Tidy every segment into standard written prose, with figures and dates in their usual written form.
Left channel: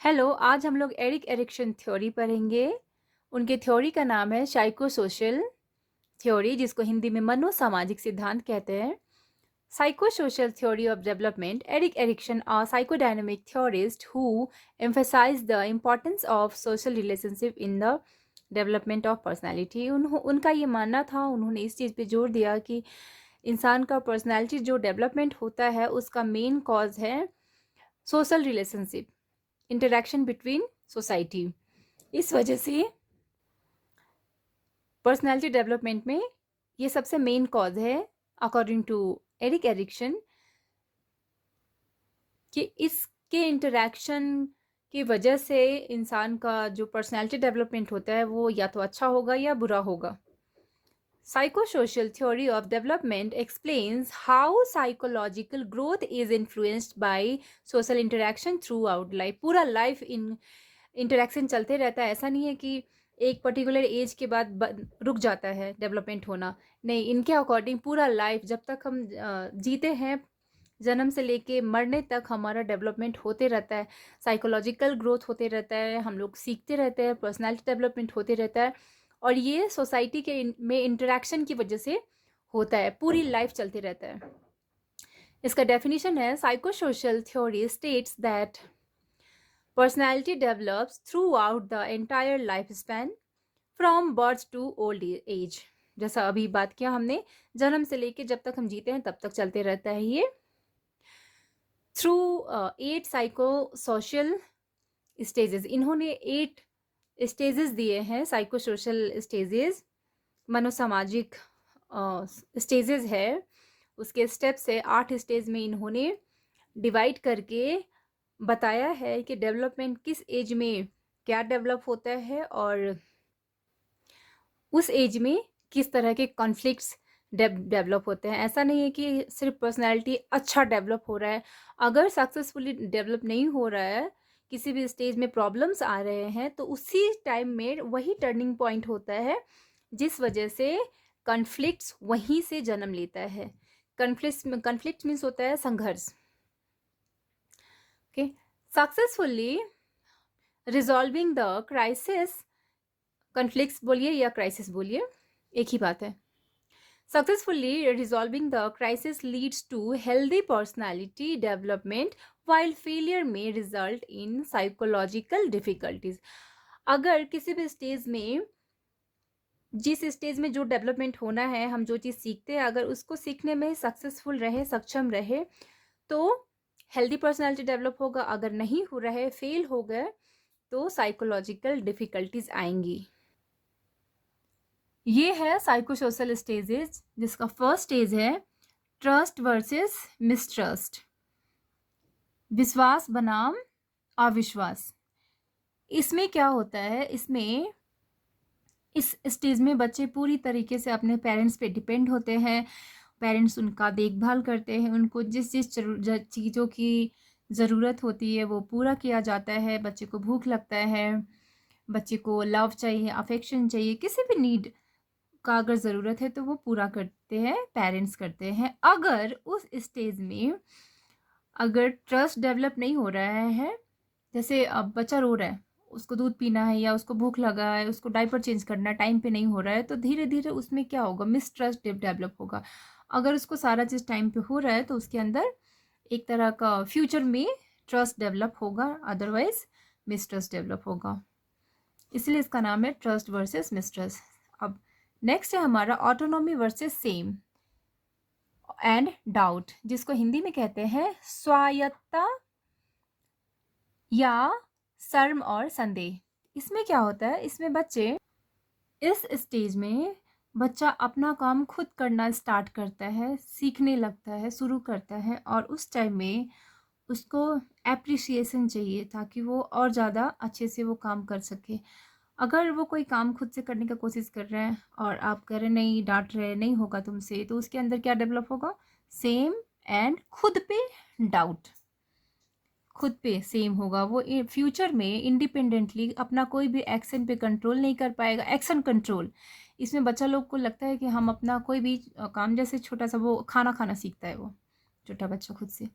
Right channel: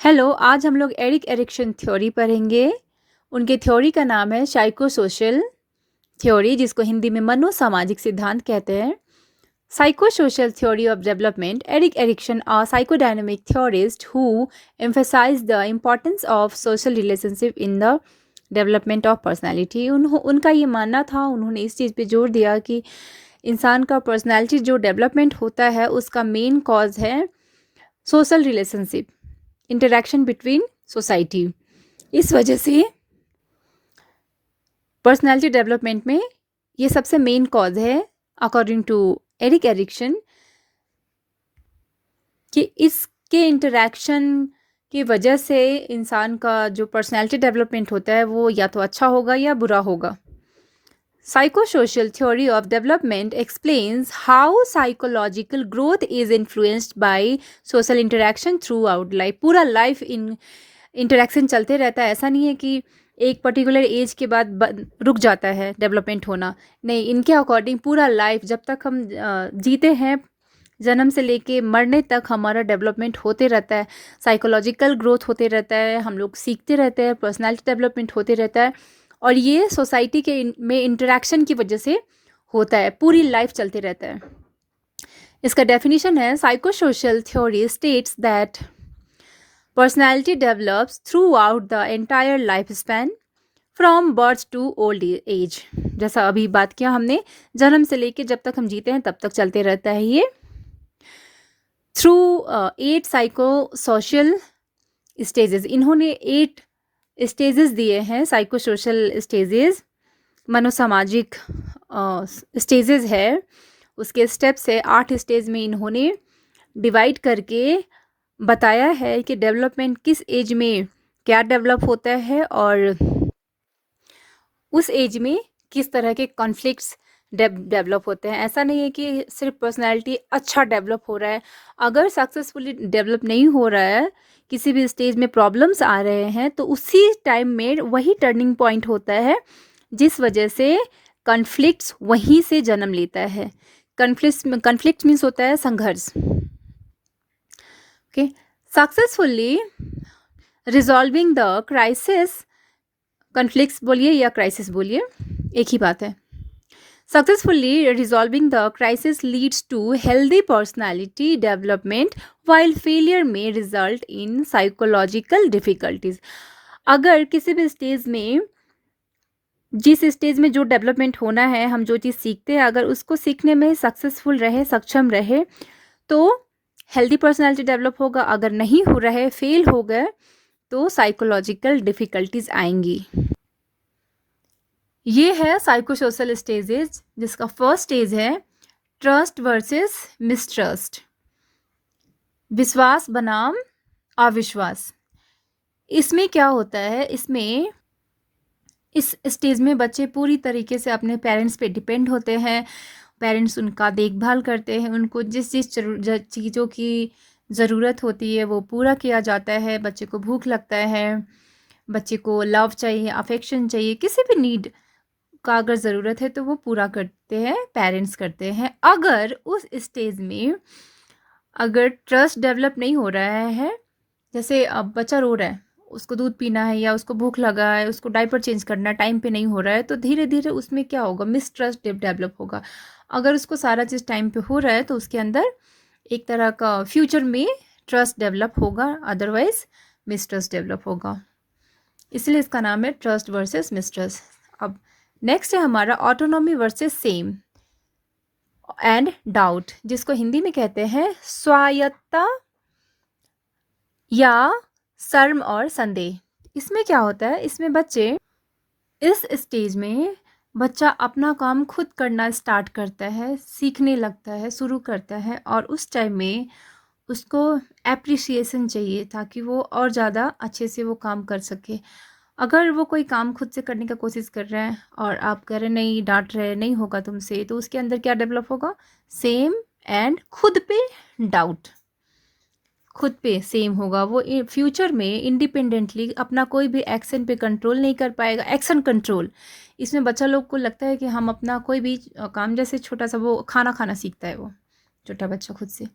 Hello, आज हम लोग एरिक एरिक्सन थ्योरी पढ़ेंगे। उनके थ्योरी का नाम है साइको सोशल थ्योरी, जिसको हिंदी में मनोसामाजिक सिद्धांत कहते हैं। Psycho social theory of development. Erik Erikson a psychodynamic theorist who emphasized the importance of social relationship in the development of personality। उनका ये मानना था, उन्होंने इस चीज़ पे जोर दिया कि इंसान का पर्सनैलिटी जो डेवलपमेंट होता है उसका मेन कॉज है social relationship, interaction between society. इस वजह से पर्सनालिटी डेवलपमेंट में ये सबसे मेन कॉज है अकॉर्डिंग टू एरिक एरिक्सन, कि इसके इंटरेक्शन की वजह से इंसान का जो पर्सनालिटी डेवलपमेंट होता है वो या तो अच्छा होगा या बुरा होगा। Psychosocial theory of development explains how psychological growth is influenced by social interaction throughout life। पूरा लाइफ इन इंटरेक्शन चलते रहता है। ऐसा नहीं है कि एक पर्टिकुलर एज के बाद रुक जाता है डेवलपमेंट होना। नहीं, इनके अकॉर्डिंग पूरा लाइफ जब तक हम जीते हैं, जन्म से लेके मरने तक हमारा डेवलपमेंट होते रहता है, साइकोलॉजिकल ग्रोथ होते रहता है, हम लोग सीखते रहते हैं, पर्सनालिटी डेवलपमेंट होते रहता है। और ये सोसाइटी के में इंटरेक्शन की वजह से होता है, पूरी लाइफ चलते रहता है। इसका डेफिनेशन है psychosocial theory states that personality develops throughout the entire life span from birth to old age. जैसा अभी बात किया हमने, जन्म से लेके जब तक हम जीते हैं तब तक चलते रहता है ये। थ्रू 8 साइको सोशल स्टेजेस, इन्होंने 8 स्टेजेस दिए हैं, साइको सोशल स्टेजेस, मनोसामाजिक स्टेजेस है, उसके स्टेप्स है। 8 स्टेज में इन्होंने डिवाइड करके बताया है कि डेवलपमेंट किस एज में क्या डेवलप होता है और उस एज में किस तरह के कॉन्फ्लिक्ट्स डेवलप होते हैं। ऐसा नहीं है कि सिर्फ पर्सनालिटी अच्छा डेवलप हो रहा है, अगर सक्सेसफुली डेवलप नहीं हो रहा है, किसी भी स्टेज में प्रॉब्लम्स आ रहे हैं, तो उसी टाइम में वही टर्निंग पॉइंट होता है जिस वजह से कॉन्फ्लिक्ट्स वहीं से जन्म लेता है। कॉन्फ्लिक्ट मीन्स होता है संघर्ष। Okay, successfully resolving the crisis, conflicts बोलिए या क्राइसिस बोलिए, एक ही बात है। Successfully resolving the crisis leads to healthy personality development, while failure may result in psychological difficulties। अगर किसी भी स्टेज में, जिस स्टेज में जो डेवलपमेंट होना है, हम जो चीज़ सीखते हैं, अगर उसको सीखने में सक्सेसफुल रहे, सक्षम रहे, तो हेल्दी पर्सनालिटी डेवलप होगा। अगर नहीं हो रहे, फेल हो गए, तो साइकोलॉजिकल डिफ़िकल्टीज आएंगी। ये है साइकोसोशल स्टेजेस, जिसका फर्स्ट स्टेज है ट्रस्ट वर्सेस मिसट्रस्ट, विश्वास बनाम अविश्वास। इसमें क्या होता है, इसमें इस स्टेज में बच्चे पूरी तरीके से अपने पेरेंट्स पे डिपेंड होते हैं। पेरेंट्स उनका देखभाल करते हैं, उनको जिस जिस चीज़ों की ज़रूरत होती है वो पूरा किया जाता है। बच्चे को भूख लगता है, बच्चे को लव चाहिए, अफेक्शन चाहिए, किसी भी नीड का अगर ज़रूरत है तो वो पूरा करते हैं, पेरेंट्स करते हैं। अगर उस स्टेज में अगर ट्रस्ट डेवलप नहीं हो रहा है, जैसे अब बच्चा रो रहा है, उसको दूध पीना है या उसको भूख लगा है, उसको डायपर चेंज करना टाइम पे नहीं हो रहा है, तो धीरे धीरे उसमें क्या होगा, मिसट्रस्ट डेवलप होगा। अगर उसको सारा चीज़ टाइम पे हो रहा है तो उसके अंदर एक तरह का फ्यूचर में ट्रस्ट डेवलप होगा, अदरवाइज मिसट्रस्ट डेवलप होगा। इसलिए इसका नाम है ट्रस्ट वर्सेस मिसट्रस्ट। अब नेक्स्ट है हमारा autonomy versus shame and doubt, जिसको हिंदी में कहते हैं स्वायत्तता या शर्म और संदेह। इसमें क्या होता है, इसमें बच्चे, इस स्टेज में बच्चा अपना काम खुद करना स्टार्ट करता है, सीखने लगता है, शुरू करता है, और उस टाइम में उसको एप्रिसिएशन चाहिए ताकि वो और ज़्यादा अच्छे से वो काम कर सके। अगर वो कोई काम खुद से करने का कोशिश कर रहा है और आप कह रहे नहीं, डांट रहे, नहीं होगा तुमसे, तो उसके अंदर क्या डेवलप होगा, सेम एंड खुद पे डाउट, खुद पे सेम होगा। वो फ्यूचर में इंडिपेंडेंटली अपना कोई भी एक्शन पे कंट्रोल नहीं कर पाएगा। एक्शन कंट्रोल, इसमें बच्चा लोग को लगता है कि हम अपना कोई भी काम, जैसे छोटा सा वो खाना खाना सीखता है, वो छोटा बच्चा खुद से,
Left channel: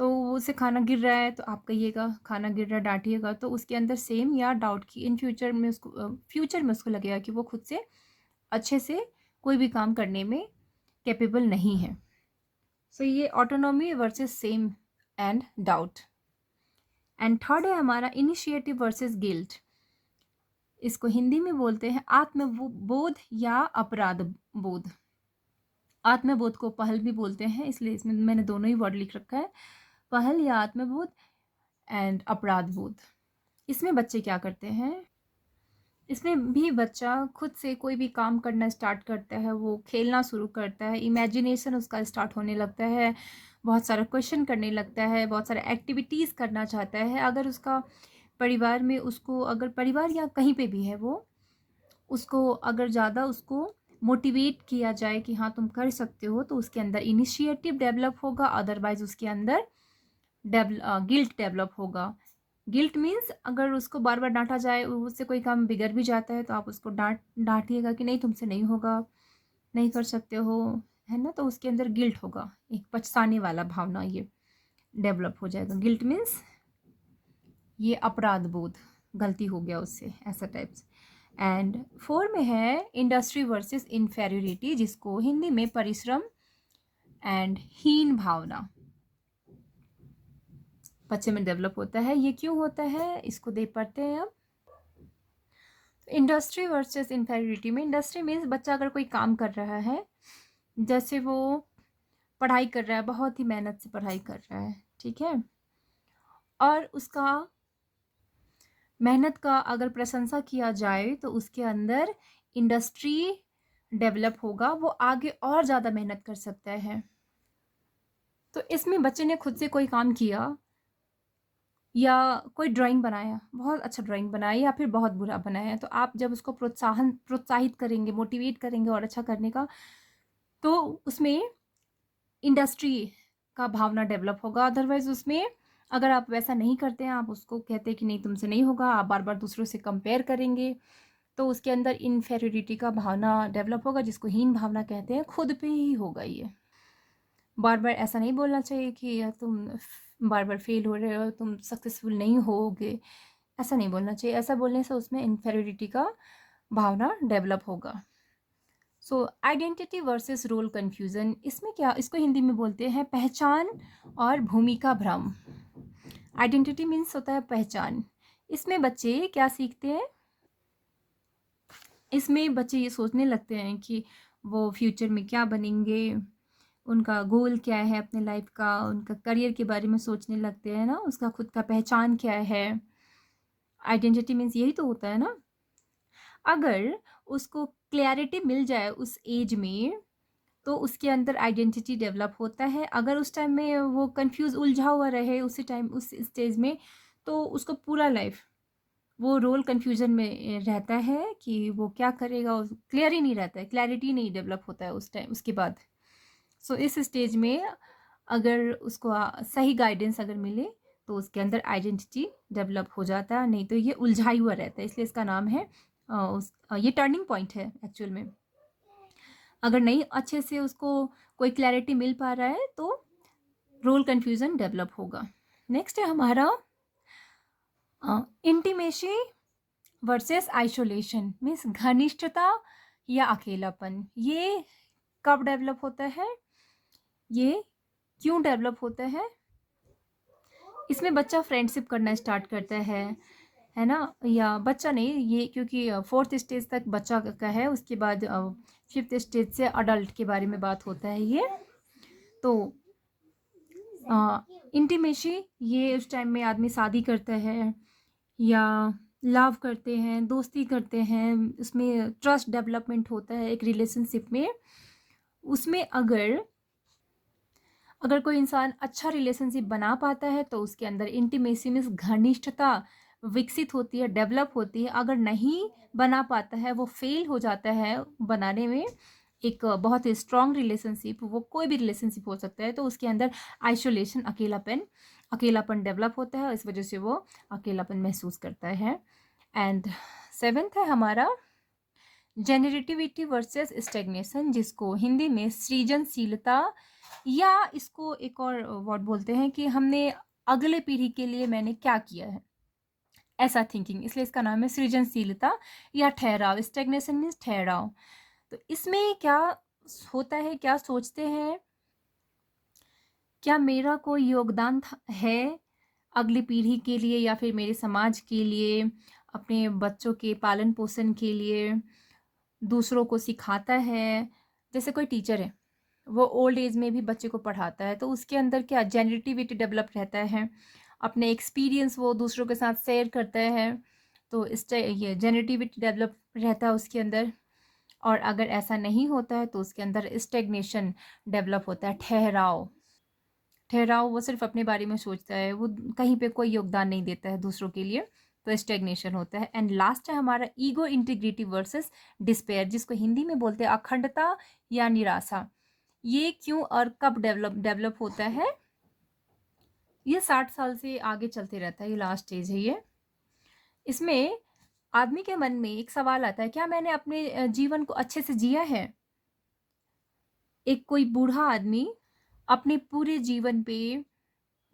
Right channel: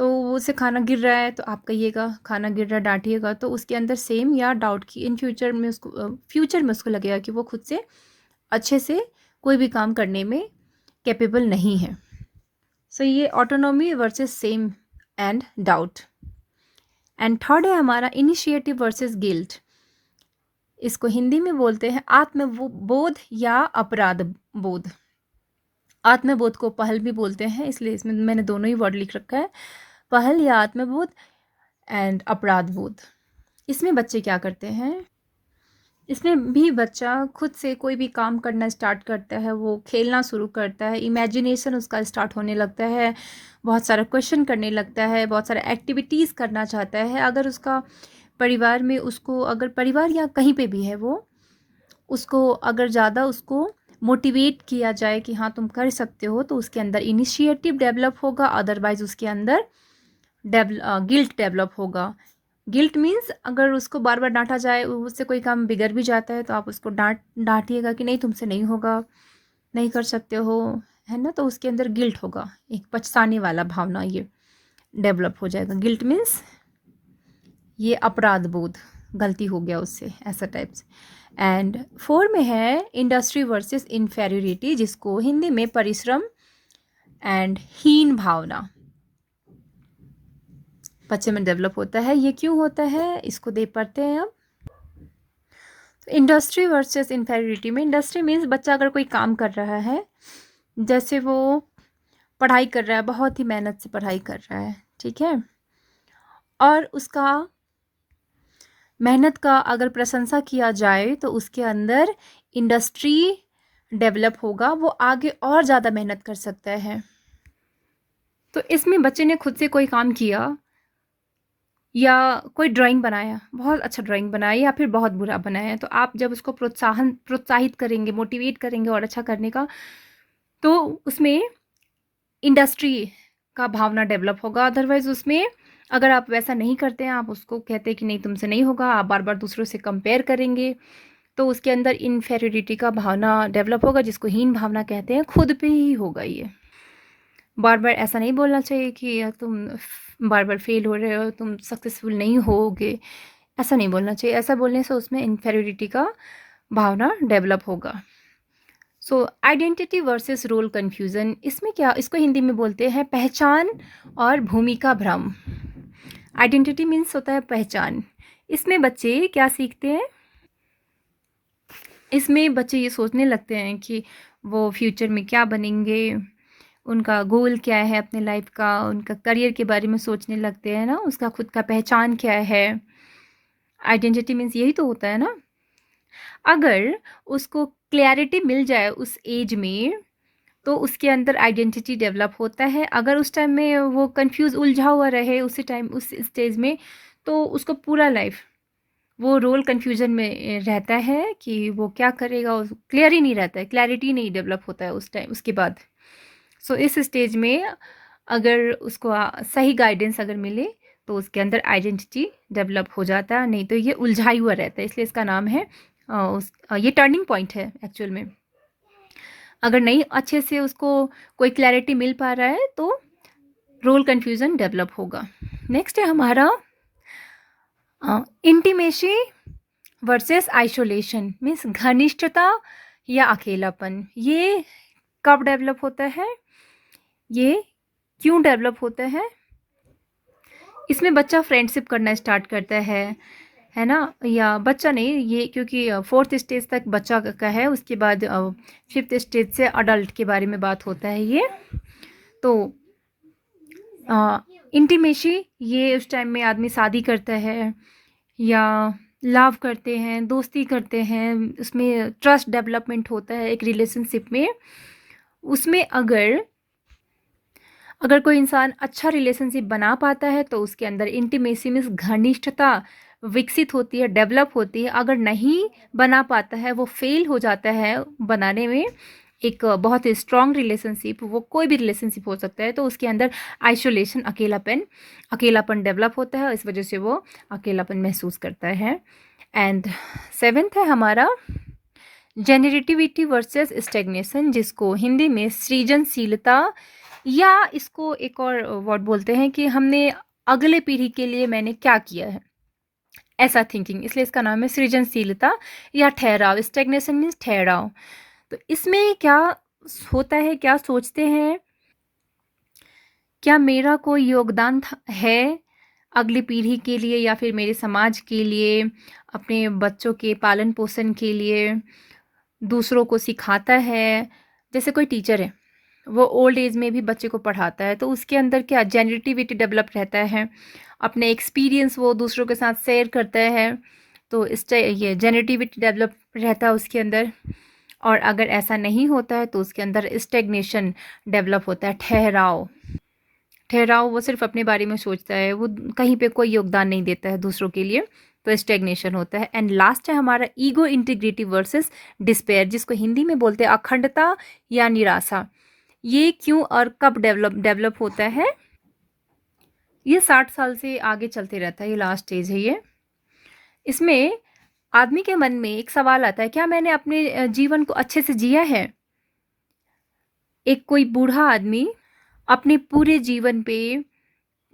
तो वो उसे खाना गिर रहा है तो आप कहिएगा खाना गिर रहा है, डांटिएगा, तो उसके अंदर सेम या डाउट की इन फ्यूचर में उसको लगेगा कि वो खुद से अच्छे से कोई भी काम करने में कैपेबल नहीं है। सो ये autonomy versus shame and doubt. And third है हमारा इनिशिएटिव वर्सेस गिल्ट। इसको हिंदी में बोलते हैं आत्मबोध या अपराध बोध। आत्मबोध को पहल भी बोलते हैं, इसलिए इसमें मैंने दोनों ही वर्ड लिख रखा है, पहल या आत्मबोध एंड अपराध बोध। इसमें बच्चे क्या करते हैं, इसमें भी बच्चा खुद से कोई भी काम करना स्टार्ट करता है, वो खेलना शुरू करता है, इमेजिनेशन उसका स्टार्ट होने लगता है, बहुत सारा क्वेश्चन करने लगता है, बहुत सारा एक्टिविटीज़ करना चाहता है। अगर उसका परिवार में उसको, अगर परिवार या कहीं पे भी है, वो उसको अगर ज़्यादा उसको मोटिवेट किया जाए कि हाँ तुम कर सकते हो, तो उसके अंदर इनिशिएटिव डेवलप होगा, अदरवाइज उसके अंदर गिल्ट डेवलप होगा। गिल्ट मीन्स अगर उसको बार बार डांटा जाए, उससे कोई काम बिगड़ भी जाता है, तो आप उसको डांटिएगा कि नहीं तुमसे नहीं होगा, नहीं कर सकते हो, है ना, तो उसके अंदर गिल्ट होगा, एक पछताने वाला भावना ये डेवलप हो जाएगा। गिल्ट मीन्स ये अपराध बोध, गलती हो गया उससे, ऐसा टाइप्स। एंड 4 में है इंडस्ट्री वर्सेस इन्फेरियोरिटी, जिसको हिंदी में परिश्रम एंड हीन भावना बच्चे में डेवलप होता है। ये क्यों होता है, इसको देख पाते हैं अब। इंडस्ट्री वर्सेस इन्फेरियोरिटी में, इंडस्ट्री मीन्स बच्चा अगर कोई काम कर रहा है, जैसे वो पढ़ाई कर रहा है, बहुत ही मेहनत से पढ़ाई कर रहा है, ठीक है, और उसका मेहनत का अगर प्रशंसा किया जाए तो उसके अंदर इंडस्ट्री डेवलप होगा, वो आगे और ज़्यादा मेहनत कर सकता है। तो इसमें बच्चे ने खुद से कोई काम किया या कोई ड्राइंग बनाया, बहुत अच्छा ड्राइंग बनाया या फिर बहुत बुरा बनाया, तो आप जब उसको प्रोत्साहित करेंगे, मोटिवेट करेंगे और अच्छा करने का, तो उसमें इंडस्ट्री का भावना डेवलप होगा। अदरवाइज उसमें अगर आप वैसा नहीं करते हैं, आप उसको कहते हैं कि नहीं तुमसे नहीं होगा, आप बार बार दूसरों से कंपेयर करेंगे, तो उसके अंदर इन्फेरियोरिटी का भावना डेवलप होगा, जिसको हीन भावना कहते हैं, खुद पे ही होगा ये। बार बार ऐसा नहीं बोलना चाहिए कि तुम बार बार फेल हो रहे हो, तुम सक्सेसफुल नहीं होगे, ऐसा नहीं बोलना चाहिए। ऐसा बोलने से उसमें इन्फेरियोरिटी का भावना डेवलप होगा। So identity versus role confusion, इसमें क्या, इसको हिंदी में बोलते हैं पहचान और भूमिका भ्रम। आइडेंटिटी मीन्स होता है पहचान। इसमें बच्चे क्या सीखते हैं, इसमें बच्चे ये सोचने लगते हैं कि वो फ्यूचर में क्या बनेंगे, उनका गोल क्या है अपने लाइफ का, उनका करियर के बारे में सोचने लगते हैं ना, उसका खुद का पहचान क्या है। आइडेंटिटी मीन्स यही तो होता है ना। अगर उसको क्लैरिटी मिल जाए उस एज में, तो उसके अंदर आइडेंटिटी डेवलप होता है। अगर उस टाइम में वो कंफ्यूज, उलझा हुआ रहे उसी टाइम, उस स्टेज में, तो उसको पूरा लाइफ वो रोल कन्फ्यूजन में रहता है कि वो क्या करेगा, क्लियर ही नहीं रहता है, क्लैरिटी नहीं डेवलप होता है उस टाइम, उसके बाद। सो इस स्टेज में अगर उसको सही गाइडेंस अगर मिले, तो उसके अंदर आइडेंटिटी डेवलप हो जाता है, नहीं तो ये उलझाई हुआ रहता है, इसलिए इसका नाम है ये टर्निंग पॉइंट है एक्चुअल में। अगर नहीं अच्छे से उसको कोई क्लैरिटी मिल पा रहा है, तो रोल कन्फ्यूज़न डेवलप होगा। नेक्स्ट है हमारा इंटीमेसी वर्सेस आइसोलेशन, मीन्स घनिष्ठता या अकेलापन। ये कब डेवलप होता है, ये क्यों डेवलप होता है, इसमें बच्चा फ्रेंडशिप करना स्टार्ट करता है ना, या बच्चा नहीं, ये क्योंकि 4th स्टेज तक बच्चा का है, उसके बाद 5th स्टेज से अडल्ट के बारे में बात होता है ये। तो इंटीमेसी, ये उस टाइम में आदमी शादी करता है या लव करते हैं, दोस्ती करते हैं, उसमें ट्रस्ट डेवलपमेंट होता है एक रिलेशनशिप में। उसमें अगर कोई इंसान अच्छा रिलेशनशिप बना पाता है, तो उसके अंदर इंटीमेसी मीन्स घनिष्ठता विकसित होती है, डेवलप होती है। अगर नहीं बना पाता है, वो फेल हो जाता है बनाने में एक बहुत ही स्ट्रॉन्ग रिलेशनशिप, वो कोई भी रिलेशनशिप हो सकता है, तो उसके अंदर आइसोलेशन, अकेलापन डेवलप होता है, इस वजह से वो अकेलापन महसूस करता है। एंड 7th है हमारा जेनरेटिविटी वर्सेस स्टेग्नेशन, जिसको हिंदी में सृजनशीलता या इसको एक और वर्ड बोलते हैं कि हमने अगले पीढ़ी के लिए मैंने क्या किया है, ऐसा थिंकिंग, इसलिए इसका नाम है सृजनशीलता या ठहराव। स्टेग्नेशन मीन्स ठहराव। तो इसमें क्या होता है, क्या सोचते हैं, क्या मेरा कोई योगदान है अगली पीढ़ी के लिए या फिर मेरे समाज के लिए, अपने बच्चों के पालन पोषण के लिए, दूसरों को सिखाता है। जैसे कोई टीचर है, वो ओल्ड एज में भी बच्चे को पढ़ाता है, तो उसके अंदर क्या जेनरेटिविटी डेवलप रहता है, अपने एक्सपीरियंस वो दूसरों के साथ शेयर करता है, तो इस ये जेनरेटिविटी डेवलप रहता है उसके अंदर। और अगर ऐसा नहीं होता है तो उसके अंदर स्टेग्नेशन डेवलप होता है, ठहराव। ठहराव, वो सिर्फ अपने बारे में सोचता है, वो कहीं पे कोई योगदान नहीं देता है दूसरों के लिए, तो स्टेग्नेशन होता है। एंड लास्ट है हमारा ईगो इंटीग्रिटी वर्सेस डिस्पेयर, जिसको हिंदी में बोलते हैं अखंडता या निराशा। ये क्यों और कब डेवलप होता है? ये 60 साल से आगे चलते रहता है, ये लास्ट स्टेज है ये। इसमें आदमी के मन में एक सवाल आता है, क्या मैंने अपने जीवन को अच्छे से जिया है? एक कोई बूढ़ा आदमी अपने पूरे जीवन पे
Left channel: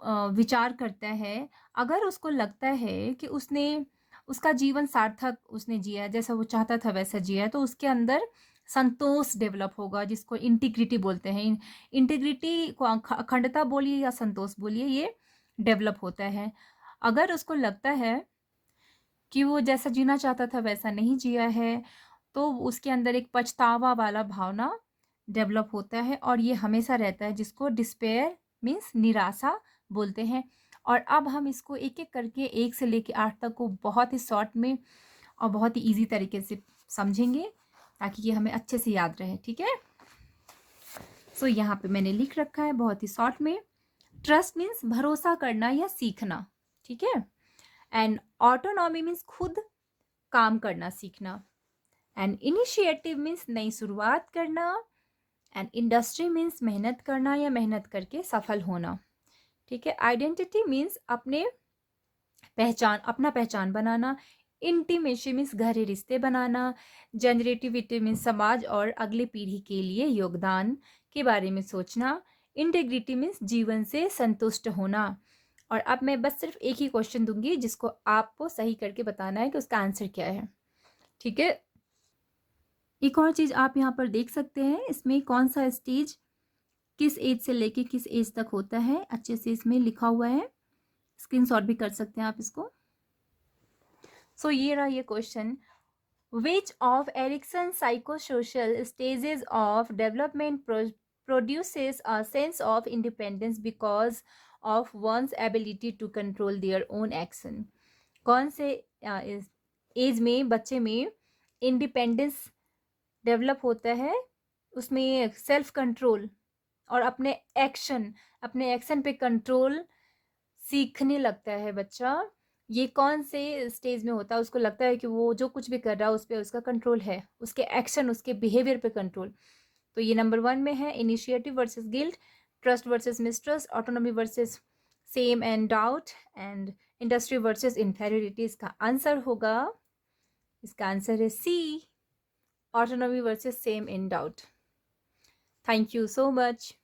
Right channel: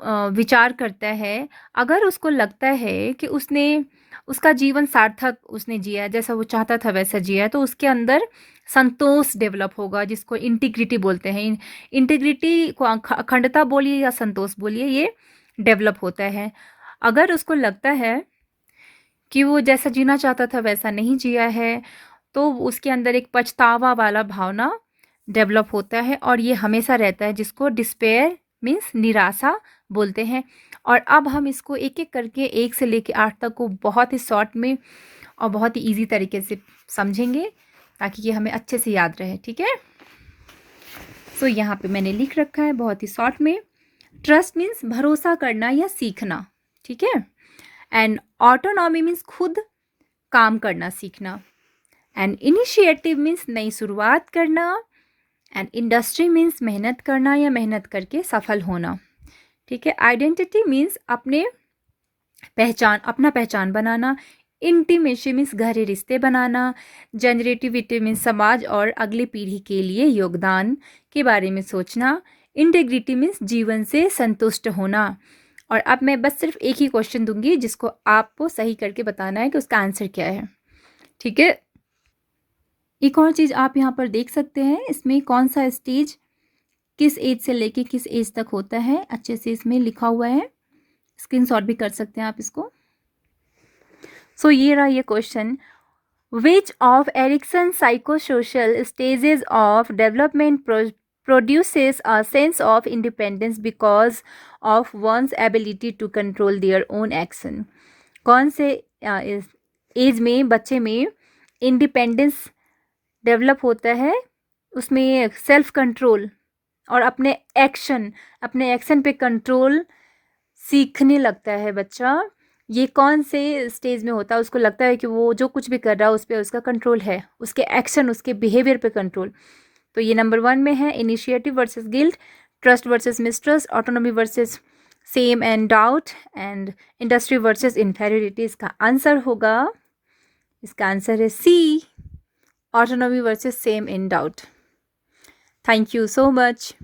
विचार करता है, अगर उसको लगता है कि उसका जीवन सार्थक उसने जिया, जैसा वो चाहता था वैसा जिया, तो उसके अंदर संतोष डेवलप होगा, जिसको इंटीग्रिटी बोलते हैं। इंटीग्रिटी को अखंडता बोलिए या संतोष बोलिए, ये डेवलप होता है। अगर उसको लगता है कि वो जैसा जीना चाहता था वैसा नहीं जिया है, तो उसके अंदर एक पछतावा वाला भावना डेवलप होता है, और ये हमेशा रहता है, जिसको डिस्पेयर मीन्स निराशा बोलते हैं। और अब हम इसको एक एक करके 1 से लेके 8 तक को बहुत ही शॉर्ट में और बहुत ही ईजी तरीके से समझेंगे, ताकि ये हमें अच्छे से याद रहे, ठीक है। सो यहाँ पे मैंने लिख रखा है बहुत ही शॉर्ट में, ट्रस्ट मीन्स भरोसा करना या सीखना, ठीक है। एंड ऑटोनॉमी मीन्स खुद काम करना सीखना। एंड इनिशिएटिव मीन्स नई शुरुआत करना। एंड इंडस्ट्री मीन्स मेहनत करना या मेहनत करके सफल होना, ठीक है। आइडेंटिटी मीन्स अपना पहचान बनाना। इंटीमेसी मीन्स गहरे रिश्ते बनाना। जनरेटिविटी मीन्स समाज और अगली पीढ़ी के लिए योगदान के बारे में सोचना। इंटेग्रिटी मीन्स जीवन से संतुष्ट होना। और अब मैं बस सिर्फ एक ही क्वेश्चन दूंगी, जिसको आपको सही करके बताना है कि उसका आंसर क्या है, ठीक है। एक और चीज़ आप यहाँ पर देख सकते हैं, इसमें कौन सा स्टेज किस एज से लेके किस एज तक होता है, अच्छे से इसमें लिखा हुआ है, स्क्रीनशॉट भी कर सकते हैं आप इसको। सो ये रहा ये question, which of Erikson psychosocial stages of development produces a sense of independence because of one's ability to control their own action। कौन से एज में बच्चे में इंडिपेंडेंस डेवलप होता है, उसमें सेल्फ कंट्रोल और अपने एक्शन पे कंट्रोल सीखने लगता है बच्चा। ये कौन से स्टेज में होता है? उसको लगता है कि वो जो कुछ भी कर रहा है उस पर उसका कंट्रोल है, उसके एक्शन, उसके बिहेवियर पे कंट्रोल। तो ये नंबर 1 में है, initiative versus guilt, trust versus mistrust, autonomy versus shame and doubt, and industry versus inferiority. इसका आंसर होगा, इसका आंसर है C, autonomy versus shame in doubt. Thank you so much.